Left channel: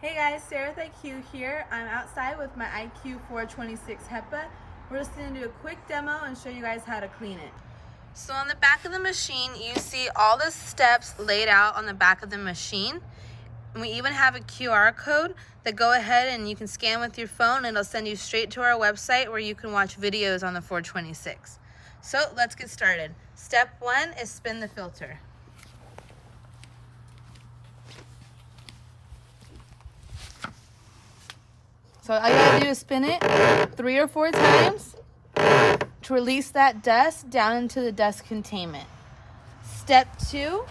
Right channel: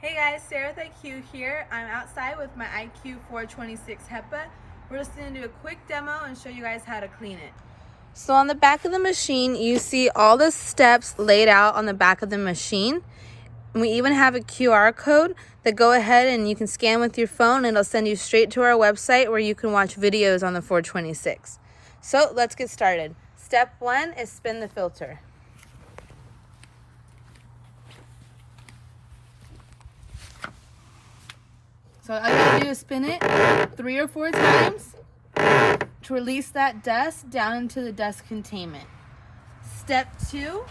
Hey guys, Sarah with iQ here. I'm outside with my iQ426HEPA. We're just going to do a quick demo and show you guys how to clean it. So on the back of the machine, you see all the steps laid out on the back of the machine. And we even have a QR code that go ahead and you can scan with your phone and it'll send you straight to our website where you can watch videos on the 426. So let's get started. Step 1 is spin the filter. So all you gotta do is spin it 3 or 4 times to release that dust down into the dust containment. Step 2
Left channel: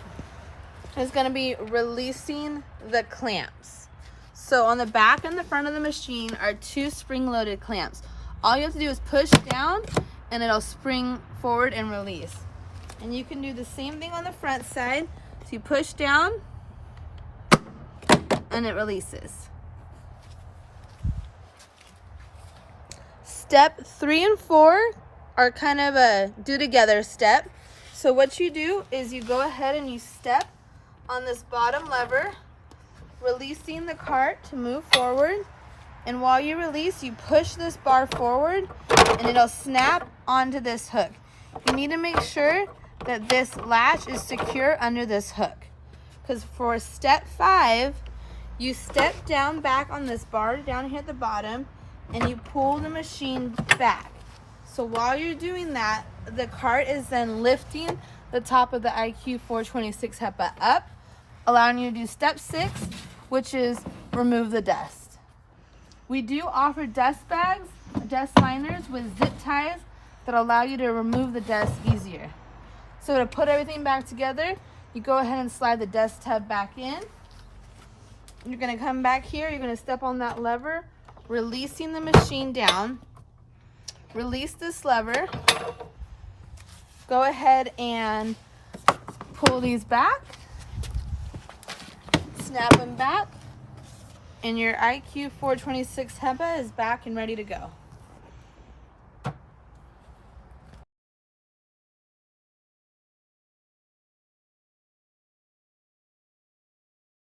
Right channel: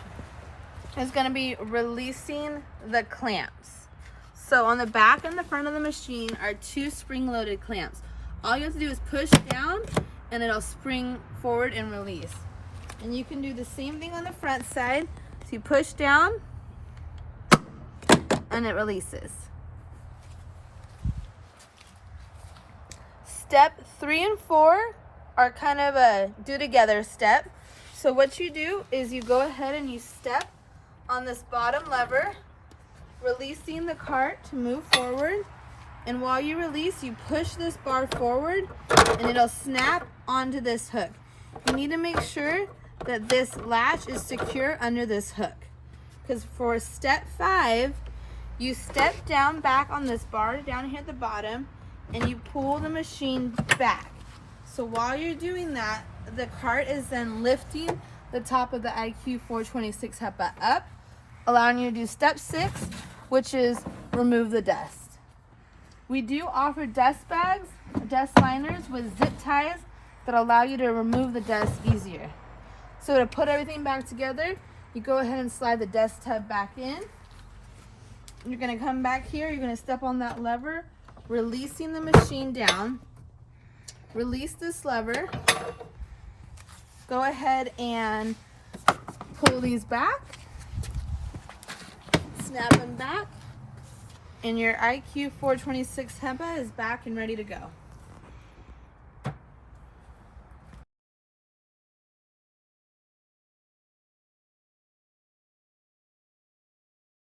is gonna be releasing the clamps. So on the back and the front of the machine are 2 spring-loaded clamps. All you have to do is push down and it'll spring forward and release. And you can do the same thing on the front side. So you push down and it releases. Step 3 and 4 are kind of a do together step. So what you do is you go ahead and you step on this bottom lever, releasing the cart to move forward. And while you release, you push this bar forward and it'll snap onto this hook. You need to make sure that this latch is secure under this hook. Because for step 5, you step down back on this bar down here at the bottom and you pull the machine back. So while you're doing that, the cart is then lifting the top of the iQ426HEPA up, allowing you to do step 6, which is remove the dust. We do offer dust bags, dust liners with zip ties that allow you to remove the dust easier. So to put everything back together, you go ahead and slide the dust tub back in. You're gonna come back here, you're gonna step on that lever, releasing the machine down. Release this lever. Go ahead and pull these back. Snap them back. And your iQ426HEPA is back and ready to go.